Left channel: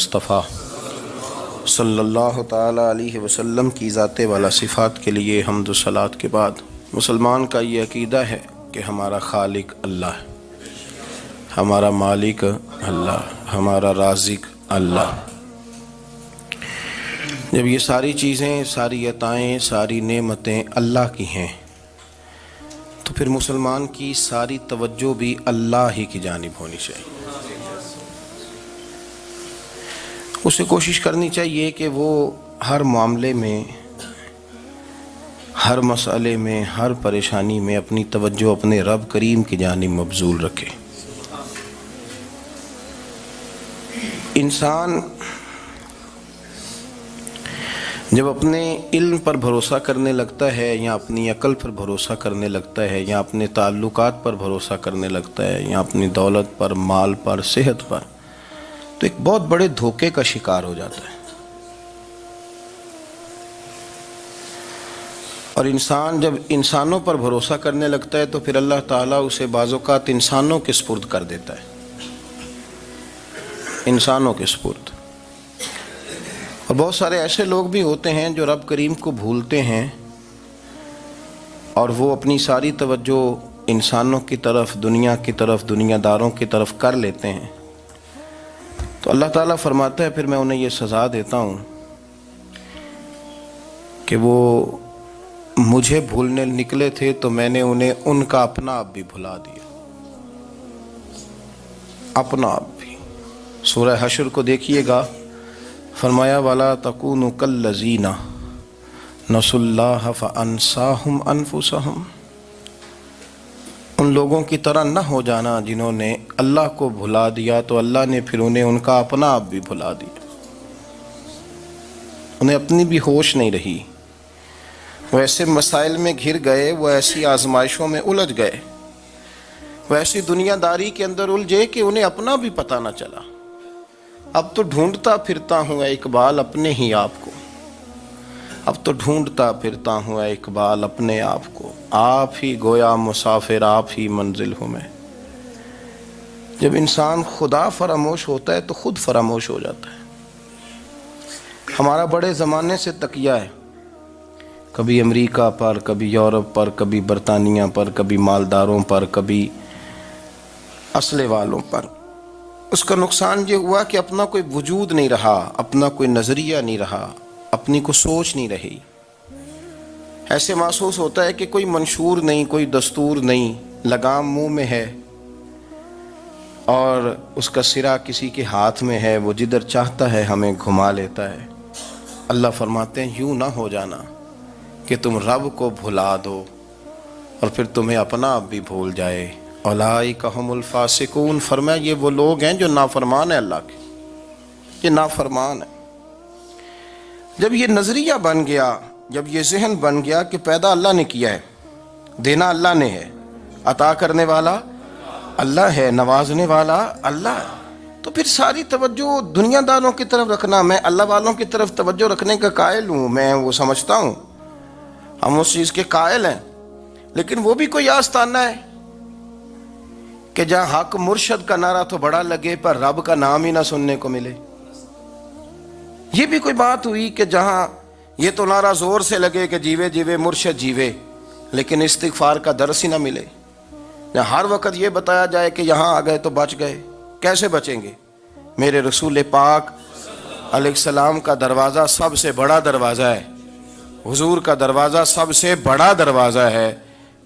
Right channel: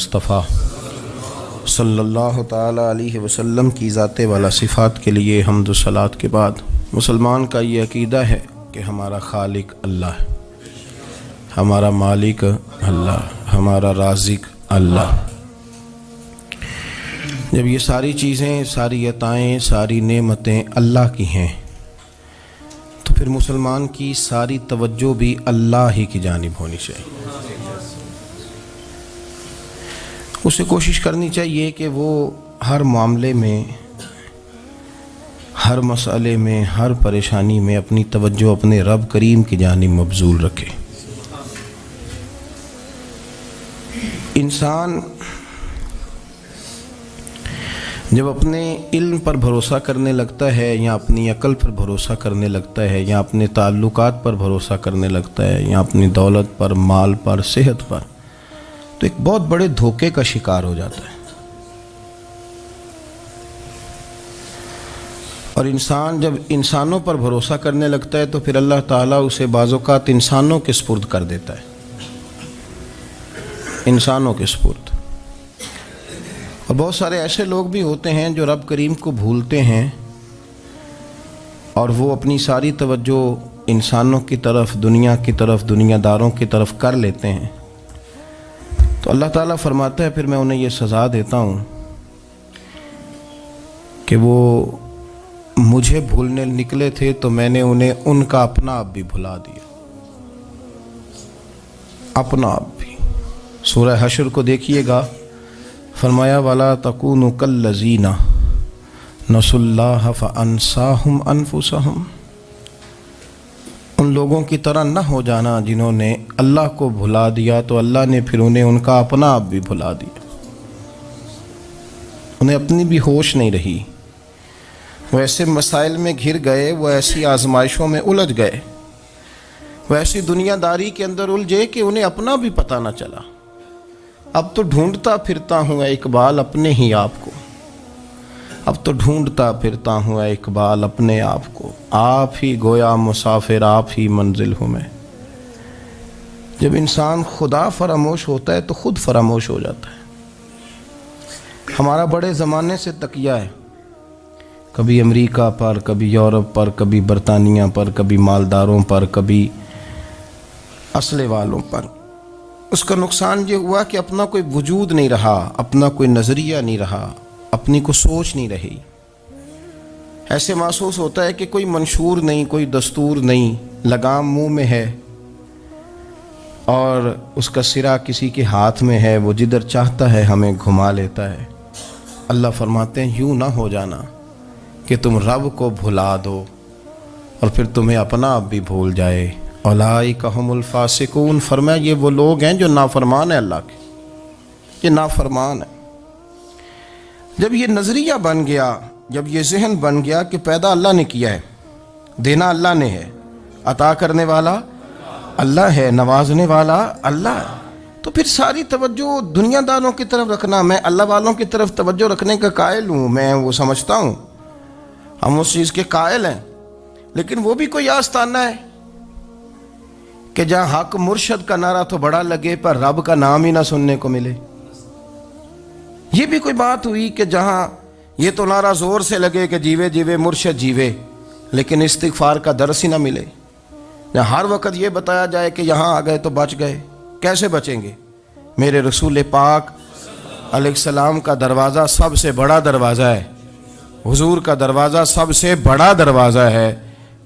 مصطفیٰ صلی اللہ تعالی علیہ وسلم کی ذات والا صفات کے لیے حمد و صلات کے بعد مسلمان کا یہ عقیدہ ہے کہ ہمارا خالق اللہ ہے، ہمارا مالک اللہ، ہمارا رازق اللہ۔ جب یہ ساری چیزیں، ساری عطائیں، ساری نعمتیں اللہ کی ہیں تو پھر مسلمان کی ساری توجہ بھی اللہ ہی کی جانب ہونی چاہیے۔ اسے کوشش کرنی چاہیے کہ وہ ہر معاملے میں، ہر مسئلے میں، ہر پریشانی میں اپنی توجہ اپنے رب کریم کی جانب مبذول رکھے۔ انسان جب اپنے علم پر بھروسہ کرنے لگتا ہے یا اپنی عقل پر بھروسہ کرنے لگتا ہے یا اپنے تعلقات پر بھروسہ کرنے لگتا ہے یا اپنی دولت پر، مال پر، صحت پر، تو ایک بہت بڑے دھوکے کا شکار ہو جاتا ہے۔ اور انسان جب انسانوں پر بھروسہ کرنے لگتا ہے تو پھر اللہ تعالیٰ اسے بعض اوقات انسانوں کے سپرد کر دیتا ہے، انسانوں کے سپرد۔ اور بہت سارے ایسے لوگ بھی ہوتے ہیں جو رب کریم کو بھولتے ہیں اور وہ اپنی ساری توجہ انسانوں کی طرف، دنیا کی طرف، دنیا داروں کی طرف کر لیتے ہیں، تو اللہ تعالیٰ فرماتا ہے پھر میں انہیں یہ سزا دیتا ہوں کہ وہ مجھے بھولنے نکلے تھے تو میں نے انہیں ان کا اپنا آپ بھی بھلا دیا، اپنا آپ بھی۔ سورہ حشر کو دیکھیے گا، فرمایا وَلَا تَكُونُوا كَالَّذِينَ نَسُوا اللَّهَ فَأَنسَاهُمْ أَنفُسَهُمْ۔ ان لوگوں کی طرح نہ ہو جانا جنہوں نے اللہ کو بھلا دیا تو اللہ نے پھر انہیں ان کا اپنا آپ بھی بھلا دیا، انہیں اپنی بھی ہوش نہیں رہی۔ وہ ایسے مسائل میں گھر گئے، وہ ایسی آزمائشوں میں الجھ گئے، وہ ایسی دنیا داری کے اندر الجھے کہ انہیں اپنا بھی پتہ نہ چلا۔ اب تو ڈھونڈتا پھرتا ہوں اے اقبال اپنے ہی آپ کو، اب تو ڈھونڈتا پھرتا ہوں اے اقبال اپنے آپ کو، آپ ہی گویا مسافر، آپ ہی منزل ہوں میں۔ جب انسان خدا فراموش ہوتا ہے تو خود فراموش ہو جاتا ہے۔ ہمارا بڑے زمانے سے تکیہ ہے، کبھی امریکہ پر، کبھی یورپ پر، کبھی برطانیہ پر، کبھی مالداروں پر، کبھی اسلحے والوں پر۔ اس کا نقصان یہ ہوا کہ اپنا کوئی وجود نہیں رہا، اپنا کوئی نظریہ نہیں رہا، اپنی کو سوچ نہیں رہی۔ ایسے محسوس ہوتا ہے کہ کوئی منشور نہیں، کوئی دستور نہیں، لگام منہ میں ہے اور اس کا سرا کسی کے ہاتھ میں ہے، وہ جدھر چاہتا ہے ہمیں گھما لیتا ہے۔ اللہ فرماتے ہیں یوں نہ ہو جانا کہ تم رب کو بھلا دو اور پھر تمہیں اپنا آپ بھی بھول جائے۔ اولئک ھم الفاسقون، فرمایا یہ وہ لوگ ہیں جو نافرمان ہیں اللہ کے، یہ نافرمان ہیں۔ جب یہ نظریہ بن گیا، جب یہ ذہن بن گیا کہ پیدا اللہ نے کیا ہے، دینا اللہ نے ہے، عطا کرنے والا اللہ ہے، نوازنے والا اللہ ہے، تو پھر ساری توجہ دنیا داروں کی طرف رکھنا، میں اللہ والوں کی طرف توجہ رکھنے کا قائل ہوں، میں وہ سمجھتا ہوں، ہم اس چیز کے قائل ہیں، لیکن وہ بھی کوئی آستانہ ہے کہ جہاں حق مرشد کا نعرہ تو بڑا لگے پر رب کا نام ہی نہ سننے کو ملے۔ یہ بھی کوئی بات ہوئی کہ جہاں یہ تو نعرہ زور سے لگے کہ جیوے جیوے مرشد جیوے، لیکن استغفار کا درس ہی نہ ملے۔ جہاں ہر وقت یہ بتایا جائے کہ یہاں آ گئے تو بچ گئے، کیسے بچیں گے؟ میرے رسول پاک علیہ السلام کا دروازہ سب سے بڑا دروازہ ہے، حضور کا دروازہ سب سے بڑا دروازہ ہے،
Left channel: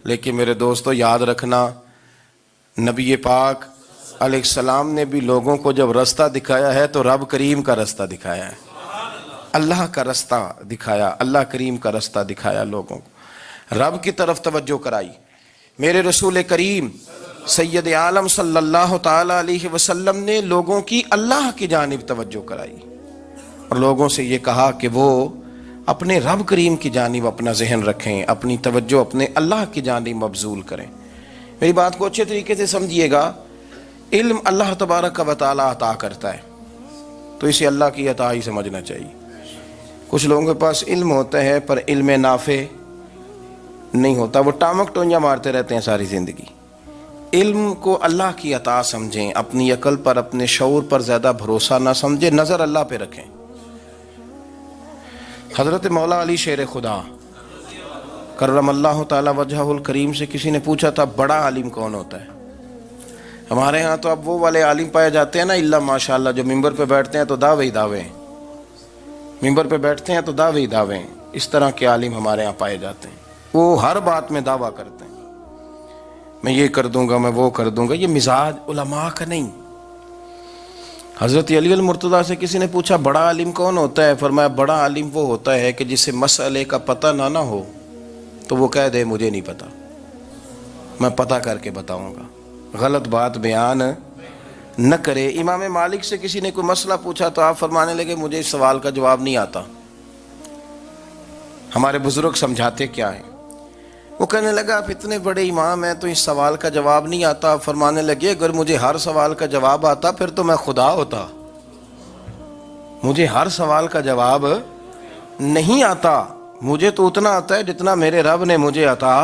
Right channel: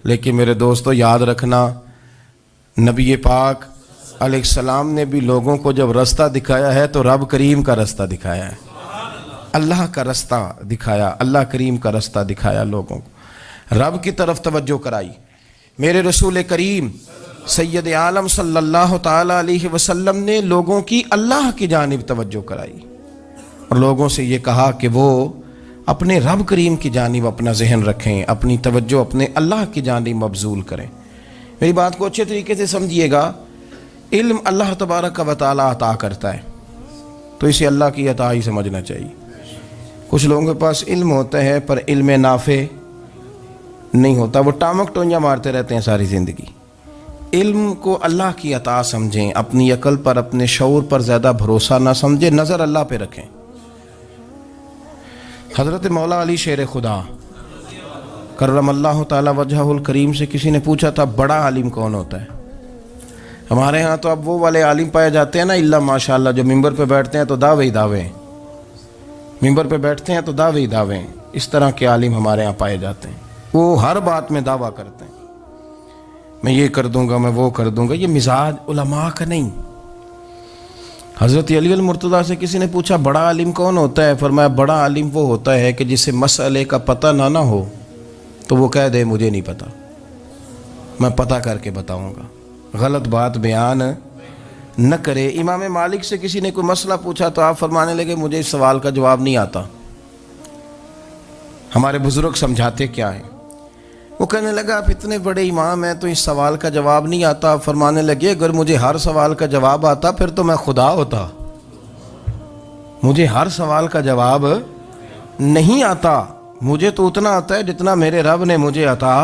لیکن میرے دوستو یاد رکھنا، نبی پاک علیہ السلام نے بھی لوگوں کو جب رستہ دکھایا ہے تو رب کریم کا رستہ دکھایا ہے، اللہ کا رستہ دکھایا، اللہ کریم کا رستہ دکھایا، لوگوں کو رب کی طرف توجہ کرائی۔ میرے رسول کریم سید عالم صلی اللہ تعالی علیہ وسلم نے لوگوں کی اللہ کی جانب توجہ کرائی اور لوگوں سے یہ کہا کہ وہ اپنے رب کریم کی جانب اپنا ذہن رکھیں، اپنی توجہ اپنے اللہ کی جانب مبذول کریں۔ میری بات کو اچھے طریقے سے سمجھیے گا، علم اللہ تبارک و تعالی عطا کرتا ہے تو اسے اللہ کی عطا ہی سمجھنا چاہیے۔ کچھ لوگوں کے پاس علم ہوتا ہے پر علم نافع نہیں ہوتا، وہ ٹامک ٹونیاں مارتے رہتے ہیں ساری زندگی۔ علم کو اللہ کی عطا سمجھیں، اپنی عقل پر اپنے شعور پر زیادہ بھروسہ نہ سمجھیں، نظر اللہ پہ رکھیں۔ حضرت مولا علی شیر خدا کرم اللہ تعالی وجہہ الکریم سے کسی نے پوچھا تھا بڑا عالم کون ہوتا ہے؟ ہمارے ہاں تو اب وہ والے عالم پائے جاتے ہیں نا اللہ ماشاءاللہ، جو ممبر پہ بیٹھتے ہیں تو دعوے ہی دعوے، ممبر پہ بیٹھتے ہیں تو دعوے ہی دعوے، اس طرح کے عالم ہمارے ہاں پائے جاتے ہیں۔ وہ ہر بات میں دعویٰ کرتے ہیں، میں یہ کر دوں گا، میں وہ کر دوں گا۔ یہ مزاج علماء کا نہیں۔ حضرت علی المرتضیٰ سے کسی نے پوچھا بڑا عالم کون ہوتا ہے؟ فرمایا بڑا عالم وہ ہوتا ہے کہ جسے مسئلے کا پتہ نہ ہو تو وہ کہہ دے مجھے نہیں پتہ، میں پتہ کر کے بتاؤں گا، غلط بات بیان نہ کرے۔ امام مالک سے کسی نے کوئی مسئلہ پوچھا تو آپ فرمانے لگے مجھے اس سوال کا جواب نہیں آتا، ہمارے بزرگ سمجھاتے کیا ہیں؟ وہ کہنے لگا آپ اتنے بڑے امام ہیں تو اس سوال کا جواب نہیں آتا۔ آپ فرمانے لگے اگر مجھے ہر سوال کا جواب آتا پھر تو میں خدا ہوتا، مجھے ہر سوال کا جواب نہیں آتا، مجھے تو اتنا آتا ہے جتنا میرے رب نے مجھے عطا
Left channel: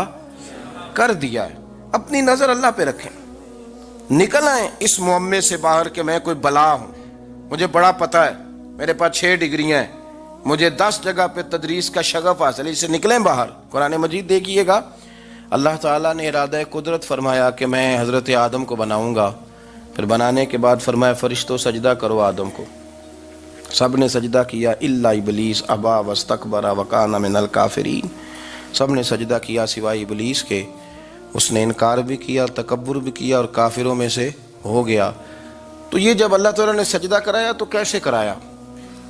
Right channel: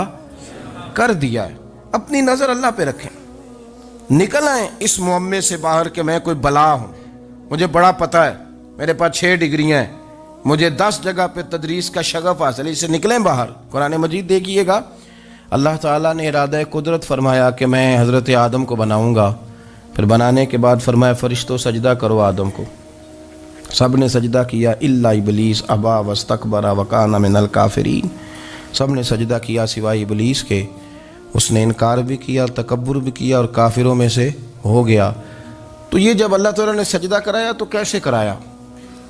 کر دیا ہے۔ اپنی نظر اللہ پہ رکھیں، نکل آئیں اس معمے سے باہر کہ میں کوئی بلا ہوں، مجھے بڑا پتہ ہے، میرے پاس 6 ڈگریاں ہیں، مجھے 10 جگہ پہ تدریس کا شغف حاصل ہے، اس سے نکلیں باہر۔ قرآن مجید دیکھیے گا، اللہ تعالیٰ نے ارادہ قدرت فرمایا کہ میں حضرت آدم کو بناؤں گا، پھر بنانے کے بعد فرمایا فرشتوں سجدہ کرو آدم کو، سب نے سجدہ کیا الا ابلیس ابا واستکبر وکان من الکافرین، سب نے سجدہ کیا سوائے ابلیس کے، اس نے انکار بھی کیا، تکبر بھی کیا اور کافروں میں سے ہو گیا۔ تو یہ جب اللہ تعالیٰ نے سجدہ کرایا تو کیسے کرایا؟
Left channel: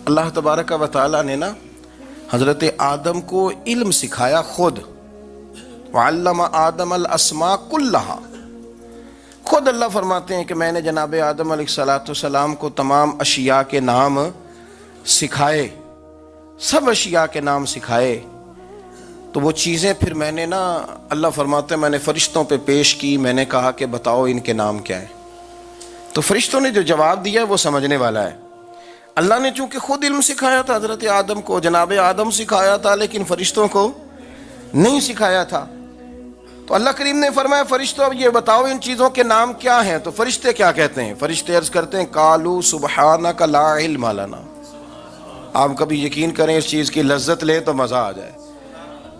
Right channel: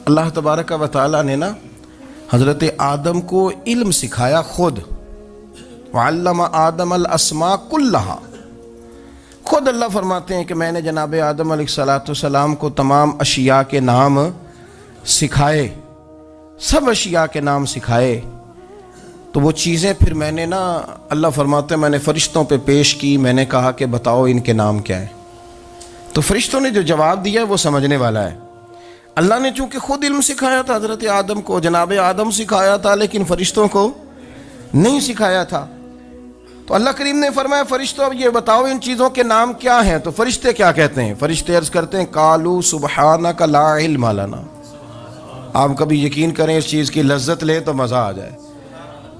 اللہ تبارک و تعالیٰ نے نا حضرت آدم کو علم سکھایا خود، وعلم آدم الاسماء کلہا، خود اللہ فرماتے ہیں کہ میں نے جناب آدم علیہ السلام کو تمام اشیاء کے نام سکھائے، سب اشیاء کے نام سکھائے۔ تو وہ چیزیں پھر میں نے نا، اللہ فرماتے ہیں میں نے فرشتوں پہ پیش کی، میں نے کہا کہ بتاؤ ان کے نام کیا ہے، تو فرشتوں نے جو جواب دیا وہ سمجھنے والا ہے۔ اللہ نے چونکہ خود علم سکھایا تھا حضرت آدم کو، جناب آدم سکھایا تھا، لیکن فرشتوں کو نہیں سکھایا تھا۔ تو اللہ کریم نے فرمایا فرشتوں اب یہ بتاؤ ان چیزوں کے نام کیا ہیں؟ تو فرشتے کیا کہتے ہیں؟ فرشتے عرض کرتے ہیں قالوا سبحانک لا علم لنا۔ آپ کبھی یقین کریں اس چیز کی لذت لیں تو مزہ آ جائے۔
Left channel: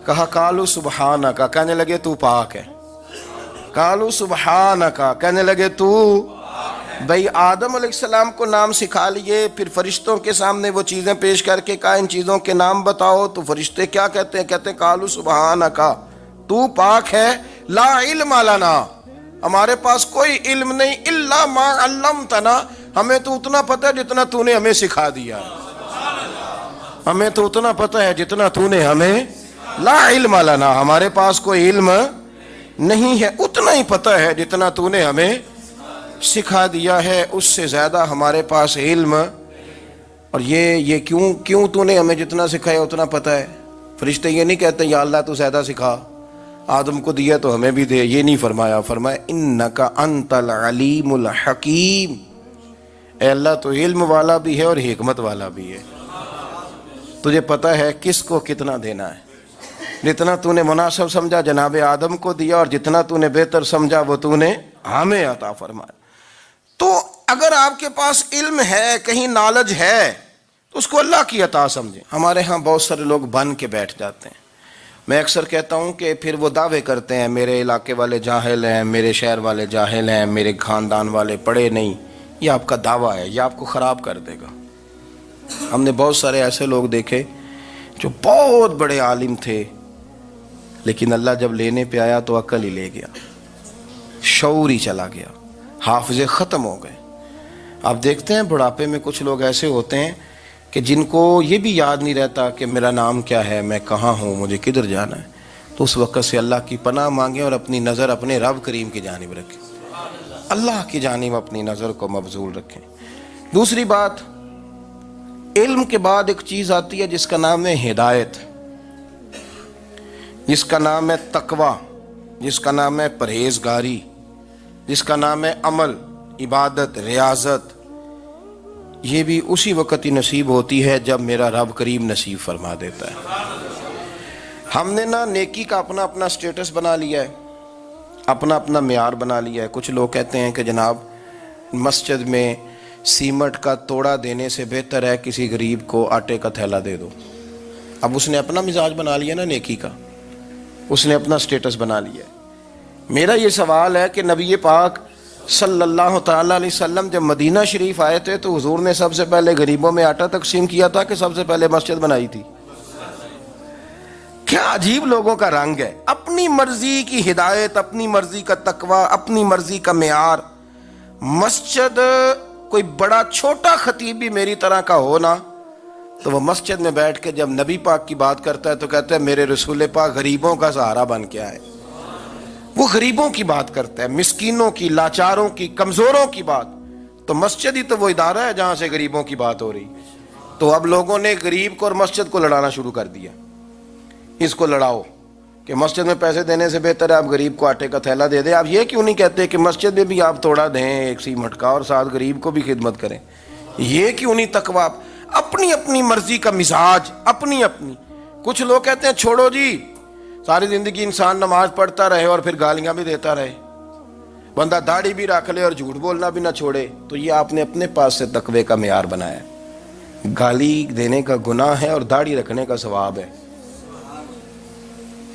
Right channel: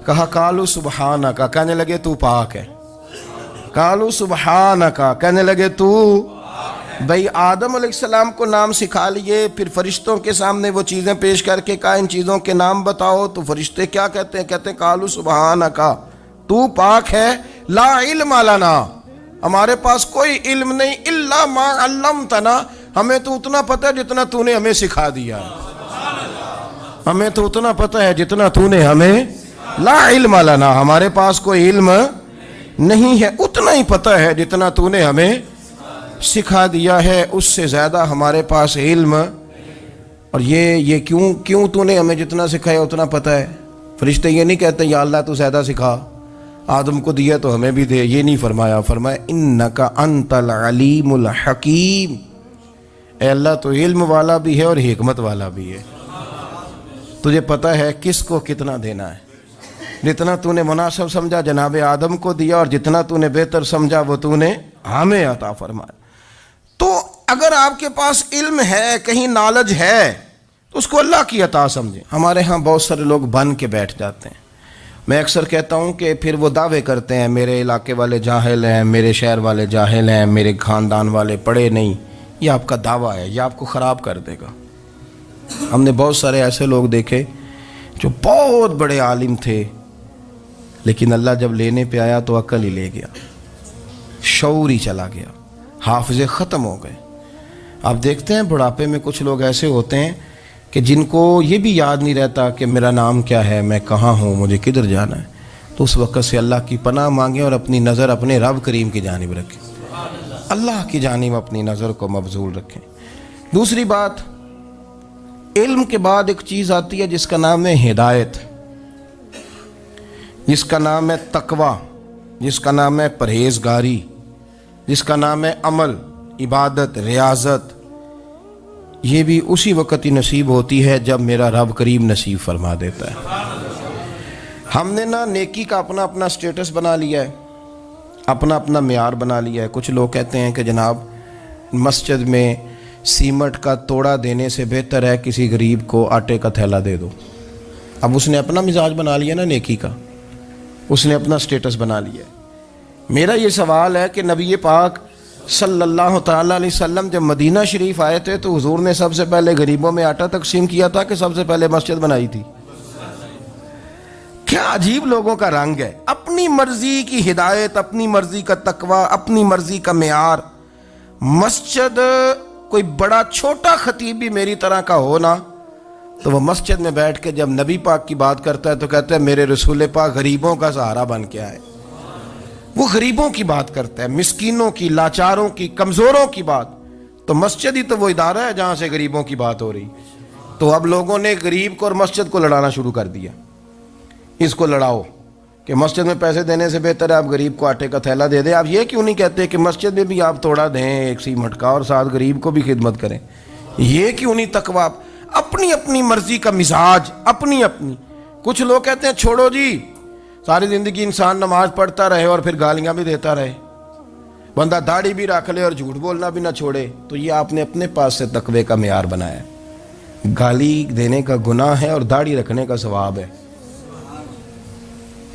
کہا قالوا سبحانک، کہنے لگے تو پاک ہے، قالوا سبحانک، کہنے لگے تو بھئی آدم علیہ السلام کو نام سکھا لیے، پھر فرشتوں کے سامنے وہ چیزیں پیش کر کے کہا ان چیزوں کے نام بتاؤ، تو فرشتے کیا کہتے ہیں؟ کہتے ہیں قالوا سبحانک، تو پاک ہے، لا علم لنا، ہمارے پاس کوئی علم نہیں، الا ما علمتنا، ہمیں تو اتنا پتہ ہے جتنا تو نے ہمیں سکھا دیا ہے، ہمیں تو اتنا پتہ ہے جتنا تو نے ہمیں، لا علم لنا، ہمارے پاس کوئی علم نہیں ہے، اتنا ہی پتہ ہے جتنا تو نے ہمیں سکھا دیا ہے، اس سے زیادہ ہمارے پاس علم۔ اور یہ کیوں تو نے ہمیں جتنا سکھایا اتنا پتہ ہے؟ فرشتے یہ نہیں کہتے یا اللہ تو زیادہ سکھا، آدم کو دیا تو ہمیں بھی دے، یہ نہیں فرمایا، فرمایا انکا انت العلیم الحکیم، اے اللہ تو علم والا بھی ہے اور حکمت والا بھی ہے، تجھے پتہ ہے کس کو کتنا دینا ہے، جتنا تو نے مناسب سمجھا جناب آدم کو دیا، اور جتنا تو نے بہتر سمجھا وہ تو نے ہمیں عطا فرمایا۔ تو اگر آپ کے پاس علم ہے، کہیں نالج ہے، تو اس کو اللہ کی عطا سمجھیں۔ ہمارے ہاں بہت سارے لوگ بن کے بیٹھ جاتے ہیں، میں اکثر کہتا ہوں کہ پھر وہ دعوے کرتے ہیں میرے علاقے والے جاہل ہیں، میرے شہر والے جاہل ہیں، میرے خاندان والے پڑھے نہیں۔ یہ آپ کا دعویٰ ہے، یہ آپ کو خراب کر دے گا۔ ہم نے بہت سارے ایسے لوگ دیکھے جو بہت بڑے عالم تھے، لیکن اللہ جب لینے پہ آیا تو عقل ہی لے گیا، شعور ہی چلا گیا، حافظے ختم ہو گئے۔ آپ دیکھتے ہیں بڑھاپے میں کچھ لوگ ایسے ہوتے ہیں کہ جن کو یہ بھی یاد نہیں رہتا کہ میرا نام کیا ہے، میں کہاں ہوں، مجھے کدھر جانا ہے۔ تو اس وقت سے اللہ کی پناہ مانگیں اور اپنی نظر اپنے رب کریم کی جانب رکھیں، اللہ کی جانب اپنی نظر کو مبذول رکھیں۔ دوسری بات، علم کے بعد ایک چیز آتی ہے جس کا نام ہے ہدایت، جس کا نام ہے تقوی، جس کا نام ہے پرہیزگاری، جس کا نام ہے عمل، عبادت، ریاضت۔ یہ بھی اسی وقت ہی نصیب ہوتی ہے جب میرا رب کریم نصیب فرما دیتا ہے۔ ہم نے نا نیکی کا اپنا اپنا سٹیٹس بنا لیا ہے، اپنا اپنا معیار بنا لیا ہے. کچھ لوگ کہتے ہیں کہ جناب مسجد میں سیمنٹ کا توڑا دینے سے بہتر ہے کسی غریب کو آٹے کا تھیلا دے دو. اب اس نے اپنا مزاج بنا لیا نا نیکی کا، اس نے اپنا سٹیٹس بنا لیا ہے. میرا یہ سوال ہے کہ نبی پاک صلی اللہ تعالیٰ علیہ وسلم جب مدینہ شریف آئے تھے تو حضور نے سب سے پہلے غریبوں میں آٹا تقسیم کیا تھا کہ سب سے پہلے مسجد بنائی تھی؟ کیا عجیب لوگوں کا رنگ ہے. اپنی مرضی کی ہدایت، اپنی مرضی کا تقوی، اپنی مرضی کا معیار. مسجد کوئی بڑا چھوٹا خطیب بھی میری طرح کا ہو نا تو وہ مسجد میں بیٹھ کے جب نبی پاک کی بات کرتا ہے تو کہتا ہے میرے رسول پاک غریبوں کا سہارا بن کے آئے. وہ غریبوں کی بات کرتا ہے، مسکینوں کی، لاچاروں کی، کمزوروں کی بات. تو مسجد ہی تو وہ ادارہ ہے جہاں سے غریبوں کی بات ہو رہی. تو اب لوگوں نے غریب کو اور مسجد کو لڑانا شروع کر دیا. اس کو لڑاؤ کہ مسجد میں پیسے دینے سے بہتر ہے آپ غریب کو آٹے کا تھیلا دے دیں. آپ یہ کیوں نہیں کہتے کہ مسجد میں بھی آپ توڑا دیں ایک سیمنٹ کا اور ساتھ غریب کو بھی خدمت کریں؟ یہ کیوں نہیں تقویٰ؟ اپنی اپنی مرضی کا مزاج، اپنی اپنی. کچھ لوگ کہتے ہیں چھوڑو جی، ساری زندگی انسان نماز پڑھتا رہے اور پھر گالیاں بھی دیتا رہے، بندہ داڑھی بھی رکھ لے اور جھوٹ بولنا بھی نہ چھوڑے. تو یہ آپ نے اپنے پاس سے تقوی کا معیار بنایا ہے. گالی دینے کا گناہ ہے اور داڑھی رکھنے کا ثواب ہے.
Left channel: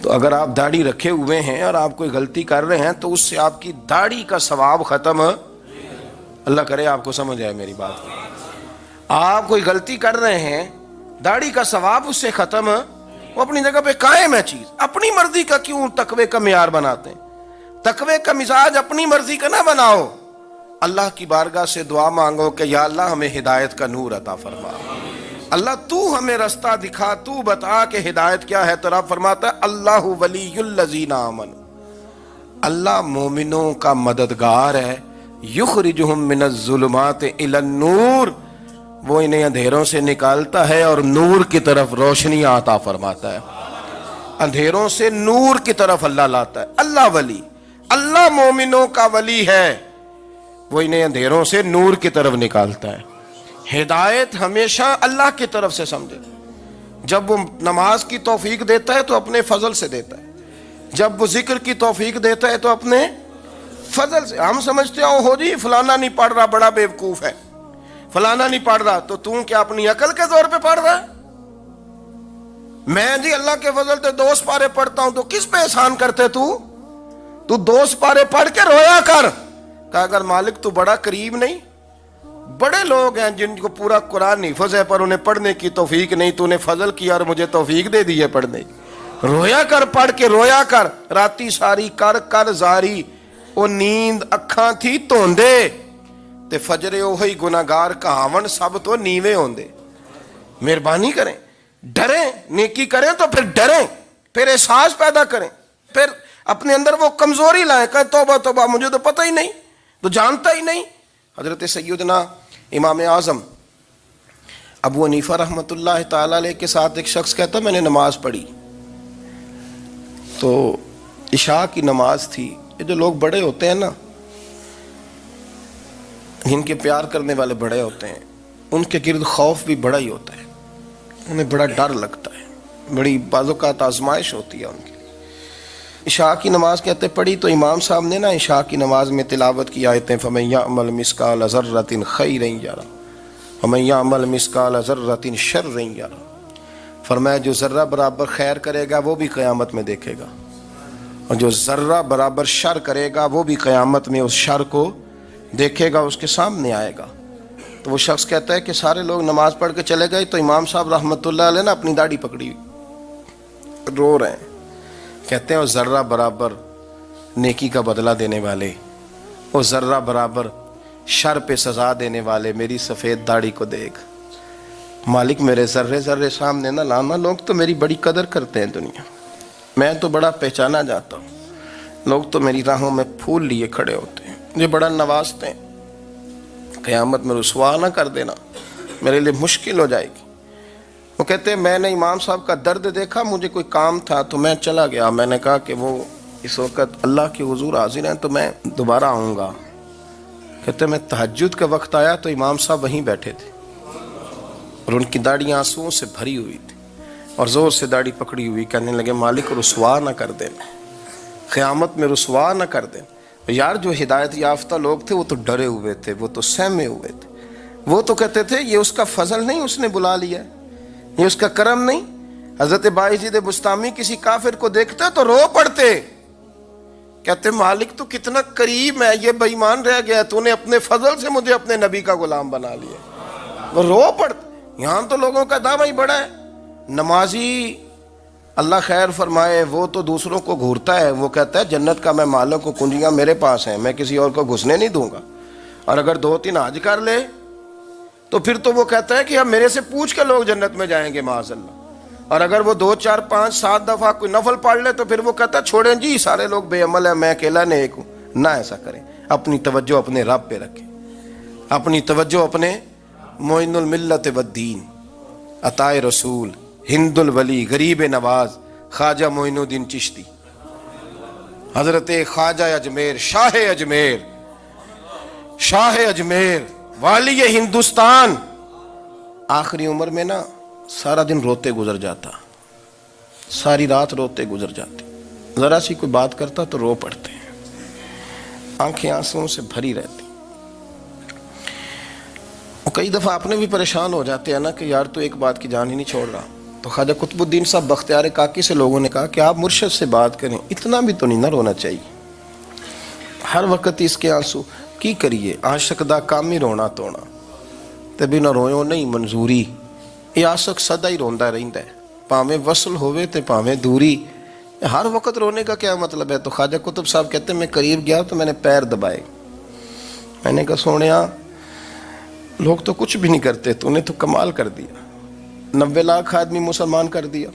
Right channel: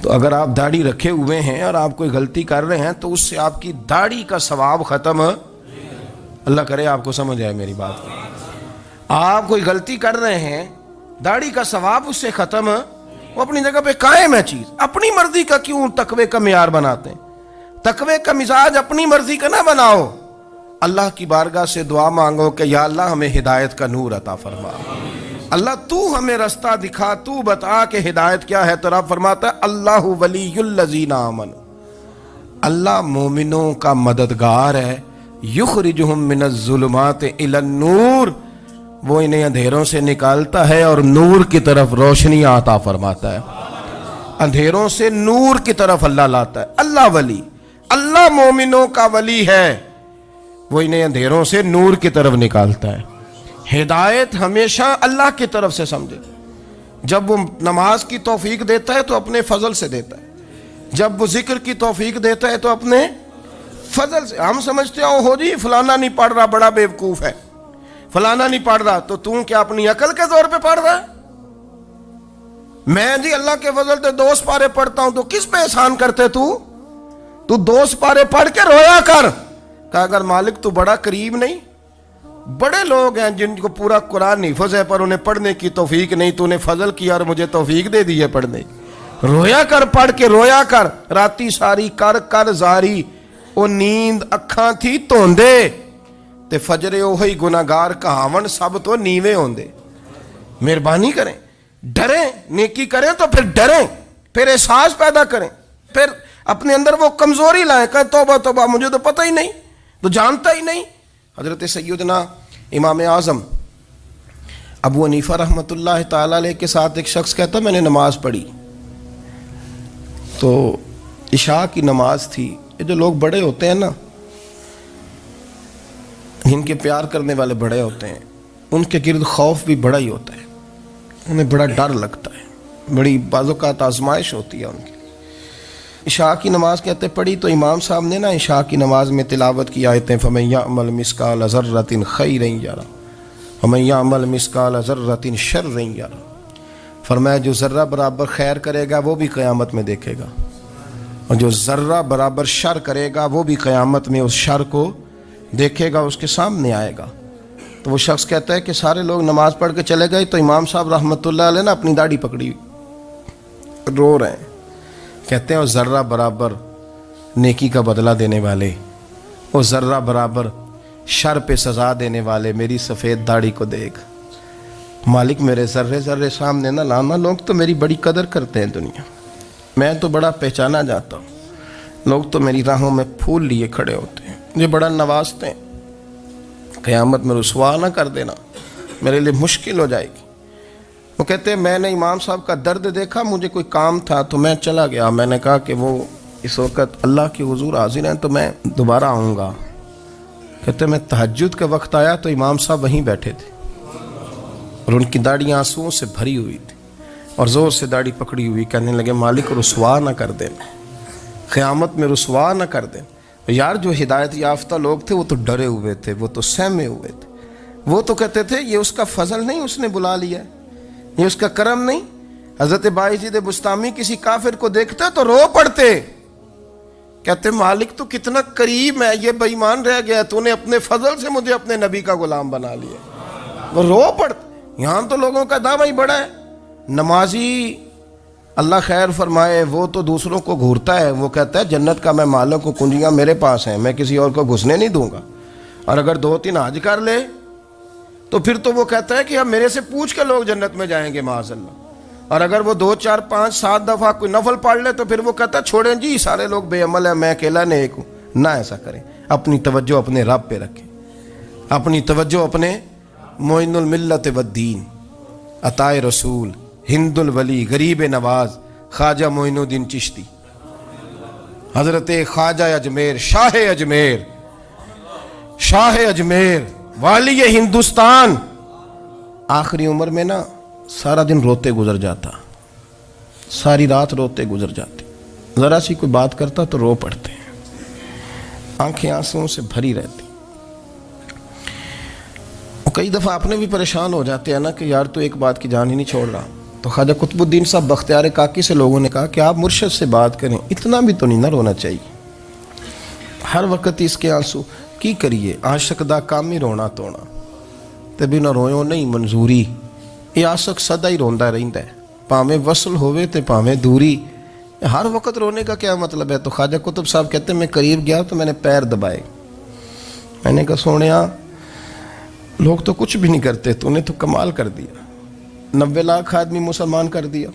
تو اگر آپ داڑھی رکھے ہوئے ہیں اور آپ کوئی غلطی کر رہے ہیں تو اس سے آپ کی داڑھی کا ثواب ختم. اللہ کرے آپ کو سمجھ آئے میری بات. آپ کوئی غلطی کر رہے ہیں، داڑھی کا ثواب اس سے ختم، وہ اپنی جگہ پہ قائم ہے چیز. اپنی مرضی کا کیوں تقوی کا معیار بناتے ہیں؟ تقوی کا مزاج اپنی مرضی کا نہ بناؤ. اللہ کی بارگاہ سے دعا مانگو کہ یا اللہ ہمیں ہدایت کا نور عطا فرما. اللہ تو ہمیں رستہ دکھا، تو بتا کہ ہدایت کیا ہے. تو رب فرماتا ہے اللہ ولی الذین آمنوا، اللہ مومنوں کا مددگار ہے. یخرجہم من الظلمات الی النور، وہ انہیں اندھیروں سے نکالتا ہے اور نور کی طرف روشنی عطا فرماتا ہے. اندھیروں سے نور کی طرف اللہ لاتا ہے. اللہ ولی، اللہ مومنوں کا ولی ہے، وہ انہیں اندھیروں سے نور کی طرف نکالتا ہے. ہدایت ہمیشہ اللہ کی طرف سے سمجھے. جب وہ نماز کی توفیق دیتا ہے تو اپنے فضل سے دیتا ہے، جب وہ ذکر کی توفیق دیتا ہے تو اپنے فضل سے. ہم سمجھتے ہیں ہو جی فلانا نہیں پڑھ رہا بڑا بیوقوف ہے، فلانا نہیں پڑھ رہا، تو تم کیا اپنی عقل کے زور پہ پڑھ رہا ہے؟ میں جی اللہ کے فضل سے 2 سپارے پڑھتا ہوں، تو کس پہ احسان کرتے تو 2 سپارے پڑھ کے رویا کر. کہا اگر مالک تو بڑا قریب نہیں؟ بڑے لوگ ہیں جن کو پورا قرآن حفظ ہے پر انہیں پڑھنے کی توفیق نہیں، تو انہیں فضل کیا اور مجھے توفیق دے دی ہے پڑھنے. رویا کر، پڑھ کے رویا کر. راتی ساری کر کر زاری، او نیند اکھاں تھی توندے تے فجرے اوہی گناہگار کہاون سب تو نیوے ہوندے. مہربانی کریں، ڈریں، نیکی کریں تو پھر ڈریں، پھر احساس پیدا کریں، پھر اپنے اندر وہ کمزوری لائیں. کہیں توبہ توبہ، مجھے تو پتہ ہی نہیں، تو جانتا ہی نہیں. حضرت سیدنا امام اعظم ابو حنیفہ رحمۃ اللہ تعالیٰ علیہ کے ساتھ ایک شخص کہتا میں نے نماز پڑھی تو عشاء کی نماز تھی. یہ جو لوگ بڑے ہوتے ہیں نا، جن کے پیار کرنے والے بڑے ہوتے ہیں، ان کے گرد خوف بھی بڑا ہی ہوتا ہے، انہیں بڑا ڈر لگتا ہے، بڑی بعض اوقات آزمائش ہوتی ہے ان کی. عشاء کی نماز کہتے پڑھی تو امام صاحب نے نا عشاء کی نماز میں تلاوت کی آیتیں فَمَن يَعْمَلْ مِثْقَالَ ذَرَّةٍ خَيْرًا يَرَهُ وَمَن يَعْمَلْ مِثْقَالَ ذَرَّةٍ شَرًّا يَرَهُ. فرمایا جو ذرہ برابر خیر کرے گا وہ بھی قیامت میں دیکھے گا، اور جو ذرہ برابر شر کرے گا وہ بھی قیامت میں اس شر کو دیکھے گا، اس کے سامنے آئے گا. تو وہ شخص کہتا ہے کہ سارے لوگ نماز پڑھ کے چلے گئے تو امام صاحب رحمۃ اللہ علیہ نے اپنی داڑھی پکڑی رو رہے ہیں. کہتے ہیں وہ ذرہ برابر نیکی کا بدلہ دینے والے، وہ ذرہ برابر شر پہ سزا دینے والے میری سفید داڑھی کو دیکھ. مالک میرے ذرے ذرے سامنے نہ لانا. لوگ تو میری بڑی قدر کرتے ہیں دنیا، میں تو بڑا پہچانا جاتا ہوں، لوگ تو میری راہوں میں پھول لیے کھڑے ہوتے ہیں، مجھے بڑا نوازتے ہیں. قیامت میں رسوا نہ کر دینا، میرے لیے مشکل ہو جائے گی. وہ کہتے ہیں میں نے امام صاحب کا درد دیکھا، مجھے کوئی کام تھا تو میں چلا گیا. میں نے کہا کہ وہ اس وقت اللہ کے حضور حاضر ہیں تو میں دوبارہ آؤں گا. کہتے ہیں میں تہجد کا وقت آیا تو امام صاحب وہیں بیٹھے تھے اور ان کی داڑھی آنسوؤں سے بھری ہوئی تھی اور زور سے داڑھی پکڑی ہوئی. کہنے لگے مالک رسوا نہ کر دینا، قیامت میں رسوا نہ کر دیں۔ یار جو ہدایت یافتہ لوگ تھے وہ تو ڈرے ہوئے تھے، وہ تو سہمے ہوئے تھے، وہ تو کہتے تھے یہ اس کا فضل نہیں، اس نے بلا لیا ہے، یہ اس کا کرم نہیں۔ حضرت باعزید بستامی کسی کافر کو دیکھتا تو رو پڑتے، کہتے مالک تو کتنا کریم ہے، یہ بے ایمان رہ گیا، تو نے اپنے فضل سے مجھے اپنے نبی کا غلام بنا لیا۔ وہ رو پڑتے۔ یہاں تو لوگوں کا دعویٰ ہی بڑا ہے۔ نمازی اللہ خیر فرمائے وہ تو دوسروں کو گھورتا ہے، وہ کہتا ہے جنت کا میں مالک ہوں، کنجیاں میرے پاس ہیں، میں کسی اور کو گھسنے نہیں دوں گا۔ اور اگر 2-3 حج کر لے تو پھر تو وہ کہتا ہے کہ اب میرے سے پوچھ کے لوگ جنت میں جائیں گے معاذ اللہ۔ اور اگر وہ 2 4 5 7 دفعہ کوئی نفل پڑھ لے تو پھر وہ کہتا ہے چھوڑیں جی سارے لوگ بے عمل ہیں، میں اکیلا نیک ہوں۔ نہ ایسا کریں، اپنی توجہ اپنے رب پہ رکھیں، اپنی توجہ اپنے معین الملت والدین، عطائے رسول، ہند الولی، غریب نواز، خواجہ معین الدین چشتی، حضرت خواجہ اجمیر، شاہ اجمیر، شاہ اجمیر، والی ہندوستان۔ آخری عمر میں نا سارا دن روتے گزر جاتا، ساری رات روتے گزر جاتی، ذرا سی کوئی بات کرتا تو رو پڑتے ہیں، آنکھیں آنسوں سے بھری رہتی۔ اور کئی دفعہ اپنے بھی پریشان ہو جاتے ہیں نا کہ یار تو ایک بات کی جان ہی نہیں چھوڑ رہا۔ تو خواجہ قطب الدین صاحب بختیار کاکی سے لوگوں نے کہا کہ آپ مرشد سے بات کریں، اتنا بھی تو نہیں نہ رونا چاہیے، ہر وقت اس کے آنسو کی کریے، عاشق دا کام ہی رونا تونا تے بنا رویوں نہیں منظوری۔ یہ عاشق سدا ہی روندا رہندا ہے، پاویں وصل ہوئے تے پاویں دوری، ہر وقت رونے کا کیا مطلب ہے؟ تو خواجہ قطب صاحب کہتے ہیں میں قریب گیا تو میں نے پیر دبائے، میں نے کہا سونیا لوگ تو کچھ بھی نہیں کرتے، تو نے تو کمال کر دیا، 90 لاکھ آدمی مسلمان کر دیا،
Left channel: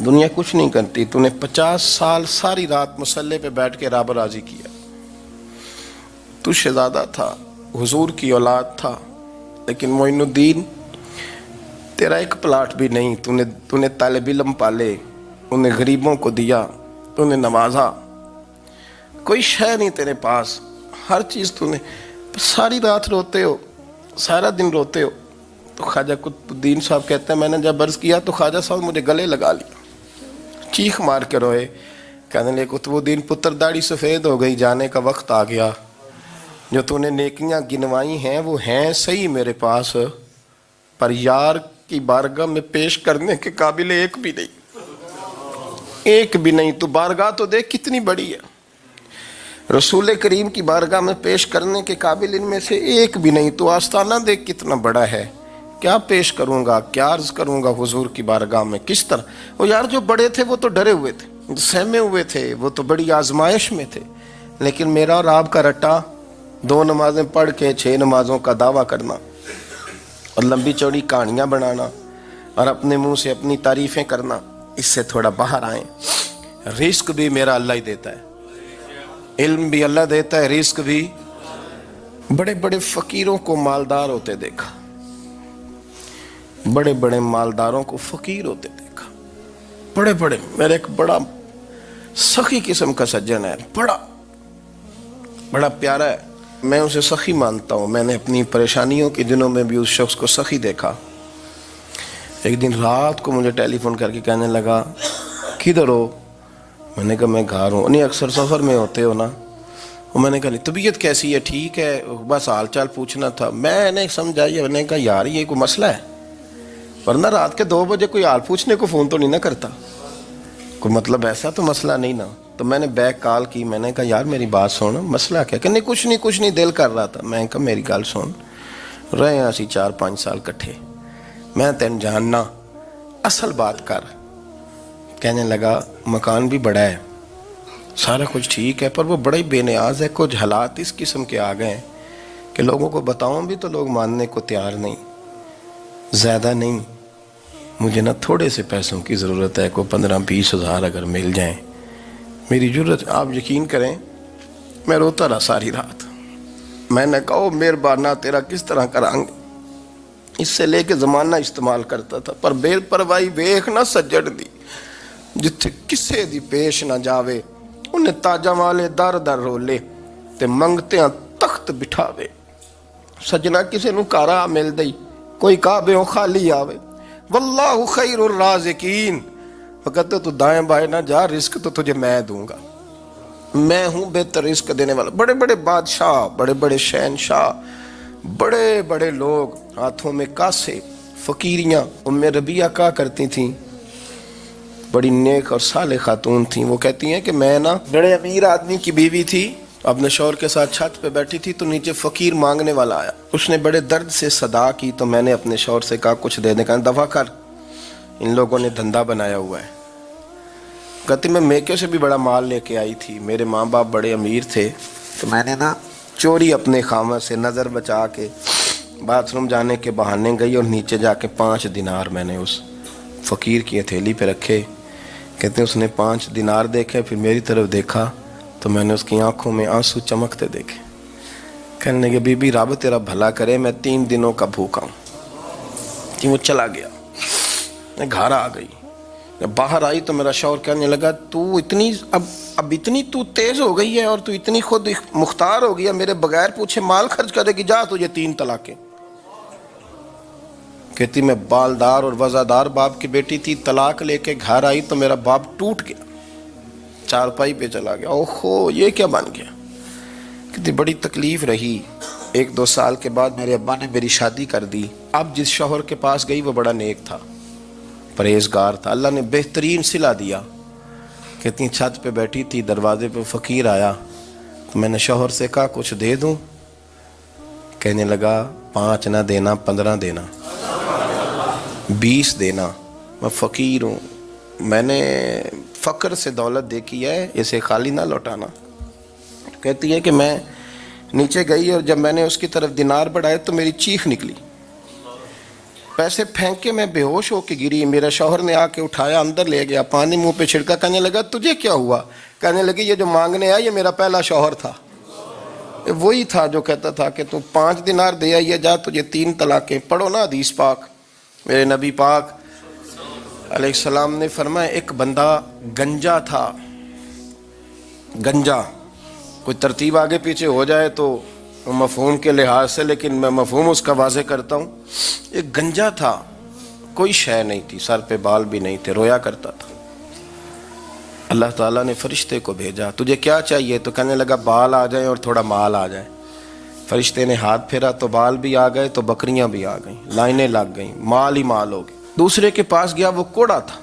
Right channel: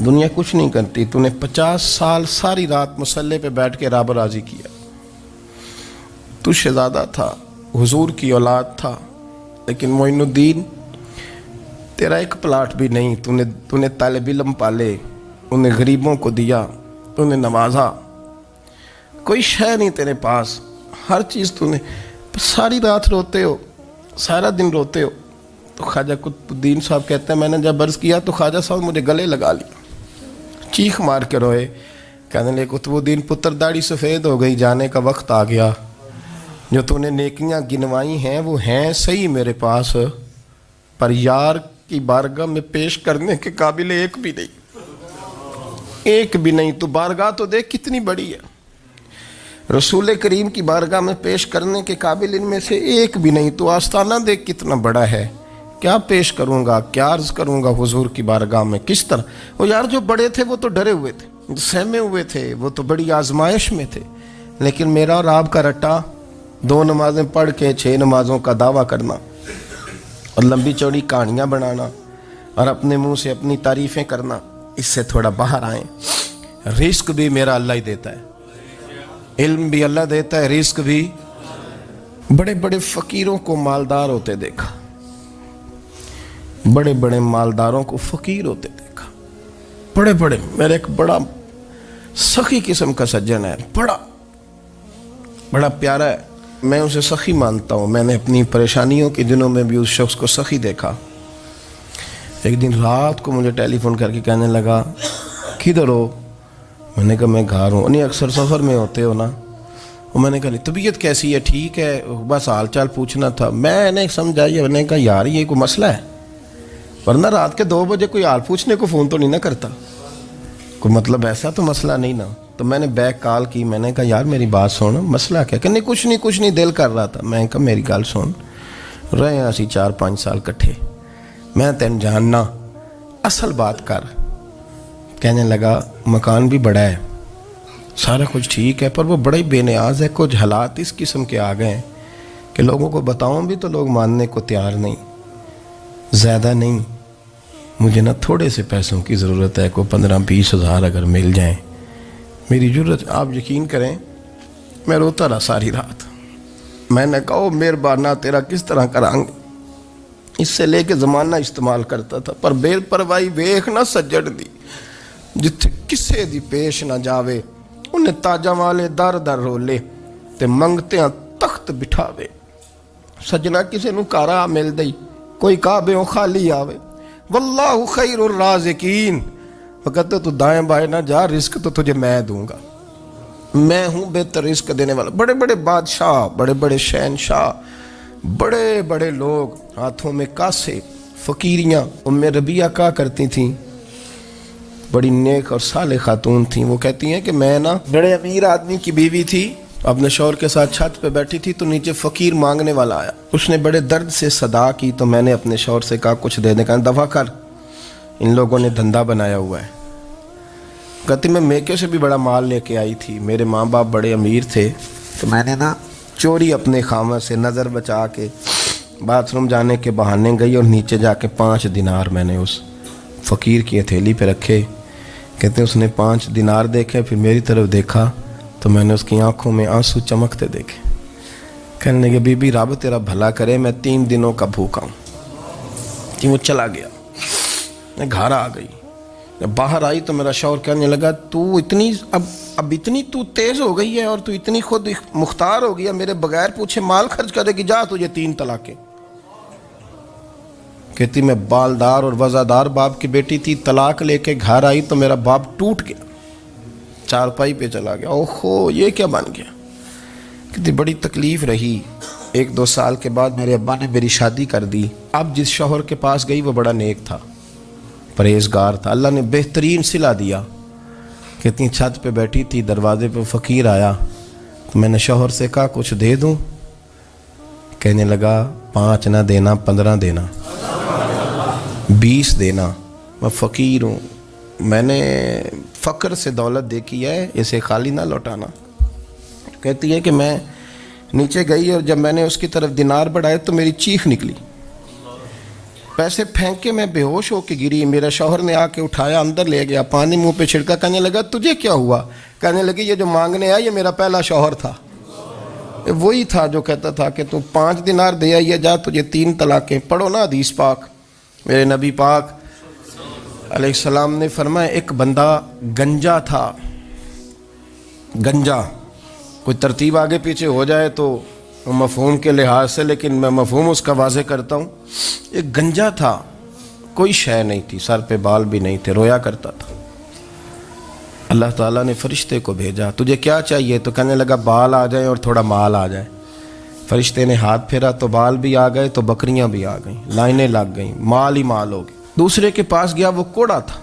دنیا کچھ نہیں کرتی، تو نے 50 سال ساری رات مسلح پہ بیٹھ کے رب راضی کیا۔ تو شہزادہ تھا، حضور کی اولاد تھا، لیکن معین الدین تیرا ایک پلاٹ بھی نہیں، تو نے طالب علم پالے، انہیں غریبوں کو دیا، تو نے نوازا، کوئی شے نہیں تیرے پاس، ہر چیز تو نے، ساری رات روتے ہو، سارا دن روتے ہو۔ تو خواجہ قطب الدین صاحب کہتے ہیں میں نے جب عرض کیا تو خواجہ صاحب مجھے گلے لگا لیا، چیخ مار کے روئے، کہنے لگے قطب الدین پتر داڑھی سفید ہو گئی، جانے کا وقت آ گیا، جو تو نے نیکیاں گنوائی ہیں وہ ہیں صحیح میرے پاس، پر یار کی بارگاہ میں پیش کرنے کے قابل ایک بھی نہیں، ایک بھی نہیں۔ تو بارگاہ تو دیکھ کتنی بڑی ہے، رسول کریم کی بارگاہ میں پیش کرنے کے قابل ان میں سے ایک بھی نہیں، تو آستانہ دیکھ کتنا بڑا ہے، کیا پیش کروں گا، کیا عرض کروں گا حضور کی بارگاہ میں، کس طرح؟ وہ یار جو بڑے تھے وہ تو ڈرے ہوئے تھے، سہمے ہوئے تھے، وہ تو بڑی آزمائش میں تھے، لیکن میرا اور آپ کا رٹا 2 نمازیں پڑھ کے 6 نمازوں کا دعویٰ کرنا اور لمبی چوڑی کہانیاں بنانا اور اپنے منہ سے اپنی تعریفیں کرنا، اس سے تھوڑا باہر آئیں۔ رزق بھی میرا اللہ ہی دیتا ہے، علم بھی اللہ دیتا ہے، رزق بھی۔ بڑے بڑے فقیروں کو مالدار ہوتے دیکھا، بڑے بڑے مالداروں کو فقیر ہوتے دیکھا، بڑے بڑے، میرے ایک بڑا سخی قسم کا سجن ہے، بڑا پیارا ہے، میں اسے سخی مانتا ہوں، میں نے اپنی پریشانیوں کے دنوں میں بھی اس شخص کو سخی دیکھا۔ ایک دن رات کو مجھے ٹیلی فون کر کے کہنے لگا کدھر ہو؟ میں نے کہا میں گھر ہوں۔ نہیں اکثر سفر میں ہوتے ہو نا؟ اور میں نے کہا طبیعت کیسی ہے؟ ٹھیک ہے، بس حال چال پوچھنا تھا۔ میں نے سمجھائی، میں نے کہا یار یہ کوئی مسئلہ ہے، ورنہ رات کے 2 بجے کوئی حال پوچھنے کو فون تو نہیں نہ کرتا، کوئی مطلب ایسا تو مسئلہ نہیں نا۔ تو میں نے بیک کال کی، میں نے کہا یار میری بات سن، مسئلہ کیا؟ کہ نہیں کچھ نہیں دل کر رہا تھا۔ میں نے کہا میری گل سن، رہے ہیں اسی 4-5 سال کٹھے، میں تین جاننا، اصل بات کر۔ کہنے لگا مکان بھی بڑا ہے، سارا کچھ ٹھیک ہے، پر وہ بڑا ہی بے نیاز ہے، کچھ حالات اس قسم کے آ گئے ہیں کہ لوگوں کو بتاؤں بھی تو لوگ ماننے کو تیار نہیں، زیادہ نہیں، مجھے نا تھوڑے سے پیسوں کی ضرورت ہے، کوئی 15-20 ہزار اگر مل جائیں میری ضرورت۔ آپ یقین کریں میں روتا رہا ساری رات۔ میں نے کہا مہربانہ تیرا کس طرح کریں گے، اس سے لے کے زمانہ استعمال کرتا تھا، پر بے پرواہی ویخ نہ سجڑ دی، جتھے کسے دی پیش نہ جاوے، انہیں تاجاں والے در در رولے تے منگتیاں تخت بٹھاوے۔ سجنا کسے نو کارا مل دئی، کوئی کعبے خالی آوے۔ واللہ خیر الرازقین، وہ کہتے تو دائیں بائیں نہ جا، رزق تو تجھے میں دوں گا، میں ہوں بہتر رزق دینے والا۔ بڑے بڑے بادشاہ، بڑے بڑے شہنشاہ، بڑے بڑے لوگ، ہاتھوں میں کاسے، فقیریاں۔ ام ربیعہ کہا کرتی تھیں، بڑی نیک اور صالح خاتون تھیں، وہ کہتی ہیں کہ میں نا بڑے امیر آدمی کی بیوی تھی، اپنے شوہر کے ساتھ چھت پہ بیٹھی تھی تو نیچے فقیر مانگنے والا آیا، اس نے بڑے درد سے صدا کی تو میں نے اپنے شوہر سے کہا کچھ دے دے، کہا دفع کر، ان لوگوں نے دھندا بنایا ہوا ہے۔ کہتی میں میکے سے بھی بڑا مال لے کے آئی تھی، میرے ماں باپ بڑے امیر تھے تو میں نے نا چوری اپنے خامہ سے نظر بچا کے باتھ روم جانے کے بہانے گئی اور نیچے جا کے 5 دینار میں نے اس فقیر کی ہتھیلی پہ رکھے۔ کہتے ہیں اس نے 5 دینار دیکھے، پھر میری طرف دیکھا تو میں نے اس کی آنکھوں میں آنسو چمکتے دیکھے۔ کہنے لگے بی بی رب تیرا بھلا کرے، میں 3 دنوں کا بھوکا ہوں۔ کہ وہ چلا گیا، میں گھر آ گئی، جب باہر آئی تو میرا شوہر کہنے لگا تو اتنی اب اتنی تو تیز ہو گئی ہے اور تو اتنی خود مختار ہو گئی ہے، میرے بغیر پوچھے مال خرچ کرے گی، جا تجھے 3 طلاقیں۔ کہتی میں بالدار اور وزادار باپ کی بیٹی تھی، طلاق لے کے گھر آئی تو میرا باپ ٹوٹ گیا، چارپائی پہ چلا گیا، اوہو یہ کیا بن گیا۔ کہتی بڑی تکلیف رہی، 1-2 سال کے بعد میرے ابا نے میری شادی کر دی۔ اب جس شوہر کے پاس گئی وہ بڑا نیک تھا، پرہیزگار تھا، اللہ نے بہترین صلہ دیا۔ کہتی چھت پہ بیٹھی تھی، دروازے پہ فقیر آیا تو میں نے شوہر سے کہا کچھ دے دوں، کہنے لگا 5 نہ دینا، 15 دینا، 20 دینا، میں فقیر ہوں، میں نے فقر سے دولت دیکھی ہے، اسے خالی نہ لوٹانا۔ کہتی ہے کہ میں نیچے گئی اور جب میں نے اس کی طرف دینار بڑھائے تو میری چیخ نکلی، پیسے پھینک کے میں بے ہوش ہو کے گری، میرا شوہر نے آ کے اٹھایا، اندر لے گیا، پانی منہ پہ چھڑکا، کہنے لگا تجھے کیا ہوا؟ کہنے لگی یہ جو مانگنے آیا یہ میرا پہلا شوہر تھا، وہی تھا جو کہتا تھا کہ تو 5 دینار دے آئیے، جا تجھے 3 طلاقیں۔ پڑھو نا حدیث پاک، میرے نبی پاک علیہ السلام نے فرمایا ایک بندہ گنجا تھا، گنجا، کوئی ترتیب آگے پیچھے ہو جائے تو مفہوم کے لحاظ سے، لیکن میں مفہوم اس کا واضح کرتا ہوں، ایک گنجا تھا، کوئی شے نہیں تھی، سر پہ بال بھی نہیں تھے، رویا کرتا تھا۔ اللہ تعالیٰ نے فرشتے کو بھیجا، تجھے کیا چاہیے؟ تو کہنے لگا بال آ جائیں اور تھوڑا مال آ جائے۔ فرشتے نے ہاتھ پھیرا تو بال بھی آ گئے تو بکریاں بھی آ گئیں، لائنیں لگ گئیں، مال ہی مال ہو گئے۔ دوسرے کے پاس گیا، وہ کوڑا تھا،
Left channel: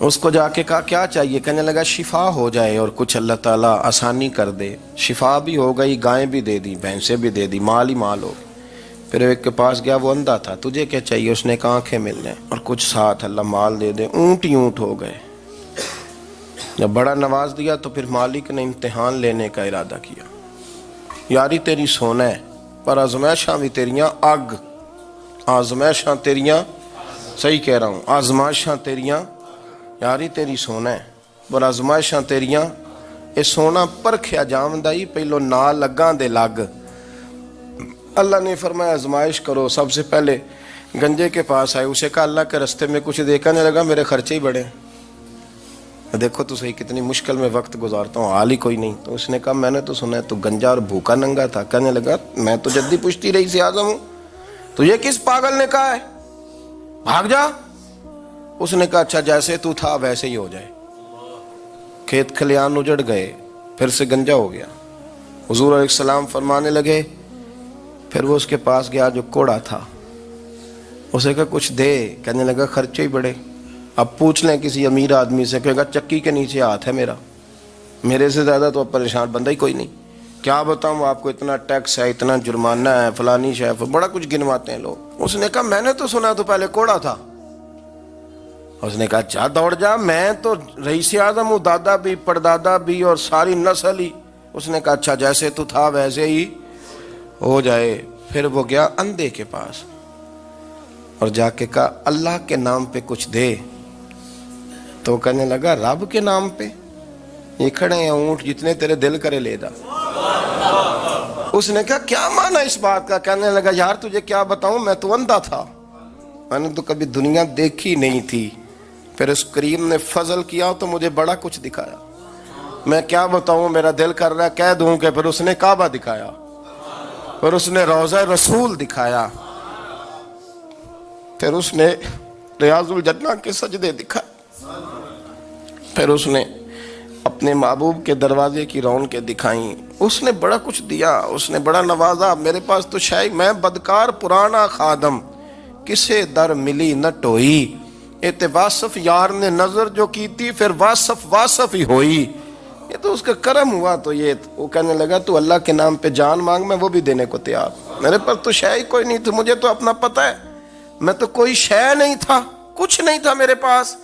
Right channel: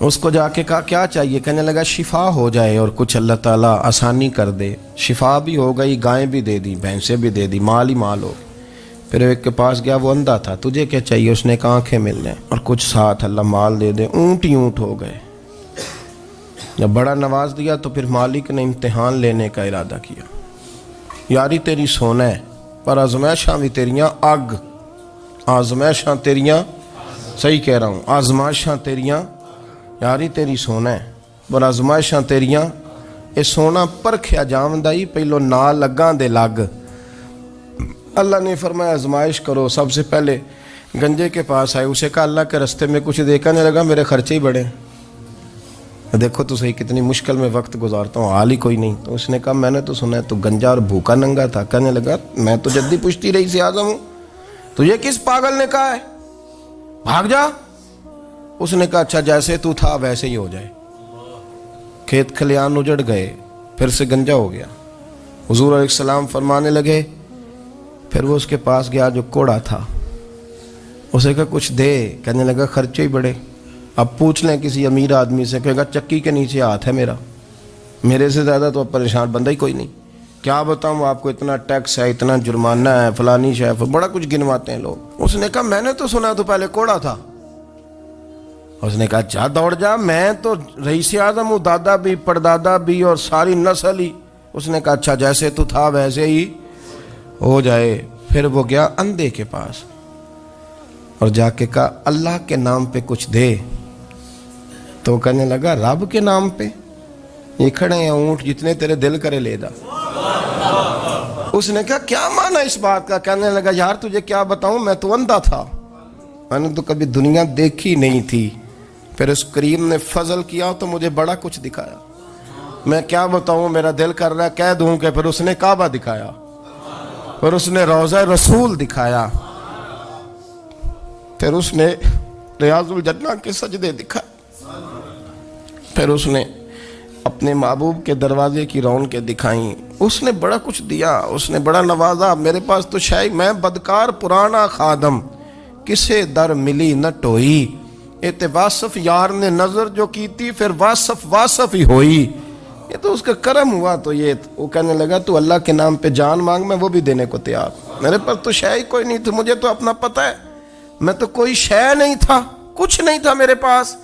اس کو جا کے کہا کیا چاہیے؟ کہنے لگا شفا ہو جائے اور کچھ اللہ تعالیٰ آسانی کر دے۔ شفا بھی ہو گئی، گائیں بھی دے دی، بھینسیں بھی دے دی، مال ہی مال ہو گئی۔ پھر ایک کے پاس گیا، وہ اندھا تھا، تجھے کیا چاہیے؟ اس نے کہا آنکھیں مل جائیں اور کچھ ساتھ اللہ مال دے دے۔ اونٹ ہی اونٹ ہو گئے۔ جب بڑا نواز دیا تو پھر مالک نے امتحان لینے کا ارادہ کیا، یاری تیری سونا ہے پر آزمائشاں بھی تیریاں اگ، آزمائشاں تیریاں، صحیح کہہ رہا ہوں، آزمائشاں تیریاں، یاری تیری سونا ہے پر آزمائشاں تیریاں، اے سونا پرکھیا جامدائی پہلو نال لگاں دے لگ۔ اللہ نے فرمایا آزمائش کرو۔ سب سے پہلے گنجے کے پاس آئے، اسے کہا اللہ کے رستے میں کچھ دیکھنے لگا، میرے خرچے ہی بڑے، دیکھو تو صحیح کتنی مشکل میں وقت گزارتا ہوں، حال ہی کوئی نہیں۔ تو اس نے کہا میں نے تو سنا ہے تو گنجا اور بھوکا ننگا تھا۔ کہنے لگا میں تو جدی پشتی رئیس اعظم ہوں، تجھے کس پاگل نے کہا ہے بھاگ جا؟ اس نے کہا اچھا جیسے تو تھا ویسے ہی ہو جائے۔ کھیت کھلیان اجڑ گئے، پھر سے گنجا ہو گیا۔ حضور علیہ السلام فرمانے لگے، پھر وہ اس کے پاس گیا جو کوڑا تھا، اسے کہا کچھ دے، کہنے لگا خرچے ہی بڑے۔ اب پوچھ لیں کسی امیر آدمی سے، کہے گا چکی کے نیچے ہاتھ ہے میرا، میرے سے زیادہ تو اب پریشان بندہ ہی کوئی نہیں، کیا بتاؤں آپ کو، اتنا ٹیکس ہے، اتنا جرمانہ ہے، فلانی شیف، بڑا کچھ گنواتے ہیں لوگ۔ اس نے کہا میں نے تو سنا تو پہلے کوڑا تھا۔ اس نے کہا جا دوڑ جا، میں تو رئیس اعظم ہوں، دادا بھی پردادا بھی اور ساری نسل ہی۔ اس نے کہا اچھا جیسے تو تھا ویسے ہی ہو جائے۔ پھر وہ گیا اندھے کے پاس اور جا کے کہا اللہ کے نام پہ کچھ دے۔ تو کہنے لگا رب کے نام پہ؟ یہ کھڑے ہیں اونٹ، جتنے تیرے دل کرے لے جا۔ اس نے کہا کیا معنی اس بات کا؟ کہنے لگا یار تجھے کیا بتاؤں، میں تو اندھا تھا، میں نے تو کبھی دنیا دیکھی نہیں تھی، پھر اس کریم نے فضل کیا تو مجھے بڑا کچھ دکھایا، میں کیا بتاؤں، میرا دل کر رہا ہے کہہ دوں کہ پھر اس نے کعبہ دکھایا، پھر اس نے روضہ رسول دکھایا، پھر اس نے ریاض الجنہ کے سجدے دکھائے. پھر اس نے اپنے محبوب کے دروازے کی رونقیں دکھائیں. اس نے بڑا کچھ دیا, اس نے بڑا نوازا. میرے پاس تو شاید میں بدکار پرانا خادم, کسے در ملی نہ ٹوئی, ایتے واصف یار نے نظر جو کی تھی, پھر واصف ہی ہوئی. یہ تو اس کا کرم ہوا. تو یہ وہ کہنے لگا تو اللہ کے نام پہ جان مانگ, میں وہ بھی دینے کو تیار. میرے پاس تو شے کوئی نہیں تھی, مجھے تو اپنا پتہ ہے, میں تو کوئی شے نہیں تھا, کچھ نہیں تھا میرے پاس.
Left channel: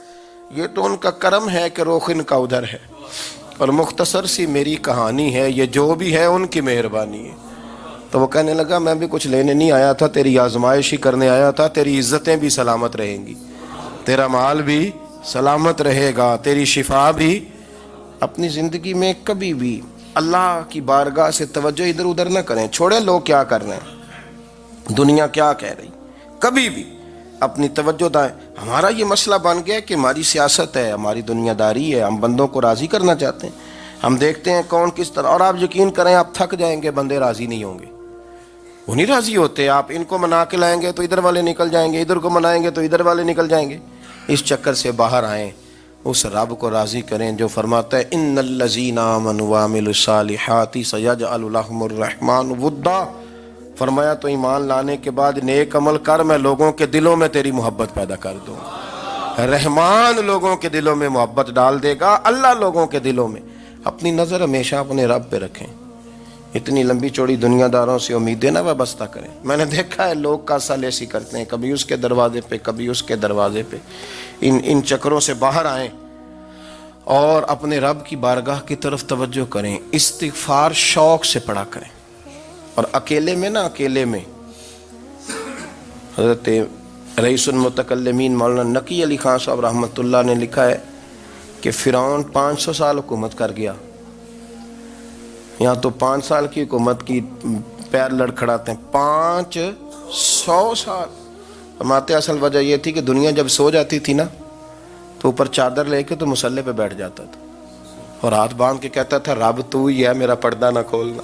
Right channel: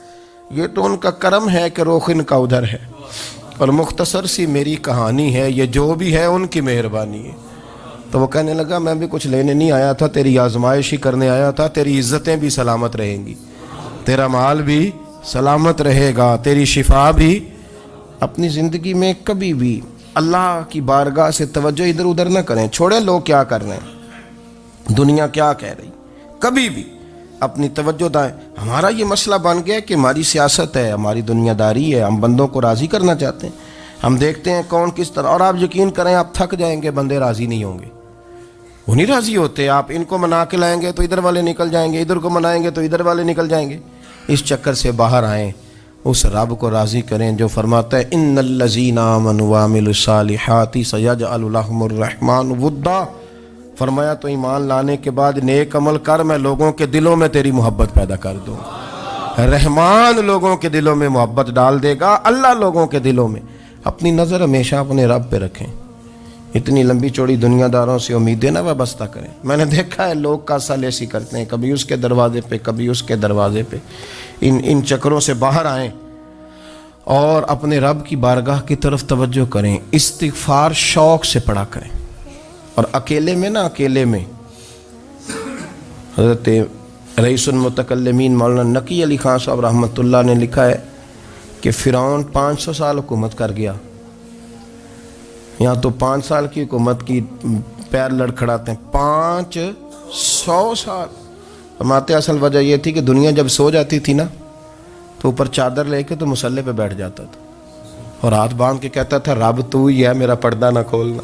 یہ تو ان کا کرم ہے کہ رخ ان کا ادھر ہے. اور مختصر سی میری کہانی ہے, یہ جو بھی ہے ان کی مہربانی ہے. تو وہ کہنے لگا میں بھی کچھ لینے نہیں آیا تھا, تیری آزمائش ہی کرنے آیا تھا. تیری عزتیں بھی سلامت رہیں گی, تیرا مال بھی سلامت رہے گا, تیری شفا بھی. اپنی زندگی میں کبھی بھی اللہ کی بارگاہ سے توجہ ادھر ادھر نہ کریں. چھوڑیں لوگ کیا کر رہے ہیں, دنیا کیا کہہ رہی. کبھی بھی اپنی توجہ دائیں. ہمارا یہ مسئلہ بن گیا کہ ہماری سیاست ہے, ہماری دنیا داری ہے, ہم بندوں کو راضی کرنا چاہتے ہیں. ہم دیکھتے ہیں کون کس طرح, اور آپ یقین کریں آپ تھک جائیں گے, بندے راضی نہیں ہوں گے, وہ نہیں راضی ہوتے. آپ ان کو منا کے لائیں گے تو ادھر والے نکل جائیں گے, ادھر کو منائیں گے تو ادھر والے نکل جائیں گے. اس چکر سے باہر آئیں, اس رب کو راضی کریں جو فرماتا ہے ان الذین آمنوا وعملوا الصالحات سیجعل لهم الرحمن ودا. فرمایا تو ایمان لانے کے بعد نیک عمل کر, میں لوگوں کے دلوں میں تیری محبت پیدا کر دوں. رحمان لوگوں کے دلوں میں محبت ڈال دے گا, اللہ لوگوں کے دلوں میں. اپنی نظر ہمیشہ اپنے رب پہ رکھیں. اتنی لمبی چوڑی دنیا داروں سے امیدیں نہ وابستہ کریں. میں نے دیکھا ہے لوگ کاسا لیسی کرتے ہیں, کبھی اس کے دروازے پہ کبھی اس کے دروازے پہ. ان چکروں سے باہر آئیں اور اپنے رب کی بارگاہ کی طرف توجہ کریں. استغفار شوق سے پڑھا کریں. اور اکیلے میں نا, اکیلے میں حضرت رئیس المتکلمین مولانا نقی علی خان صاحب رحمۃ اللہ نے لکھا ہے کہ فرعون 500 سال حکومت کر گیا. یہاں تو 5 سال کی حکومت کی پیر لڑکھڑاتے ہیں, 500 سال. فرماتے اصل وجہ یہ تھی کہ دنیا جب سو جاتی تھی نا تو اوپر چادر لے کے تو مصلے پہ بیٹھ جاتا تھا اور ہاتھ باندھ کے کہتا تھا رب تو ہی ہے, میرا پردہ نہ کھولنا.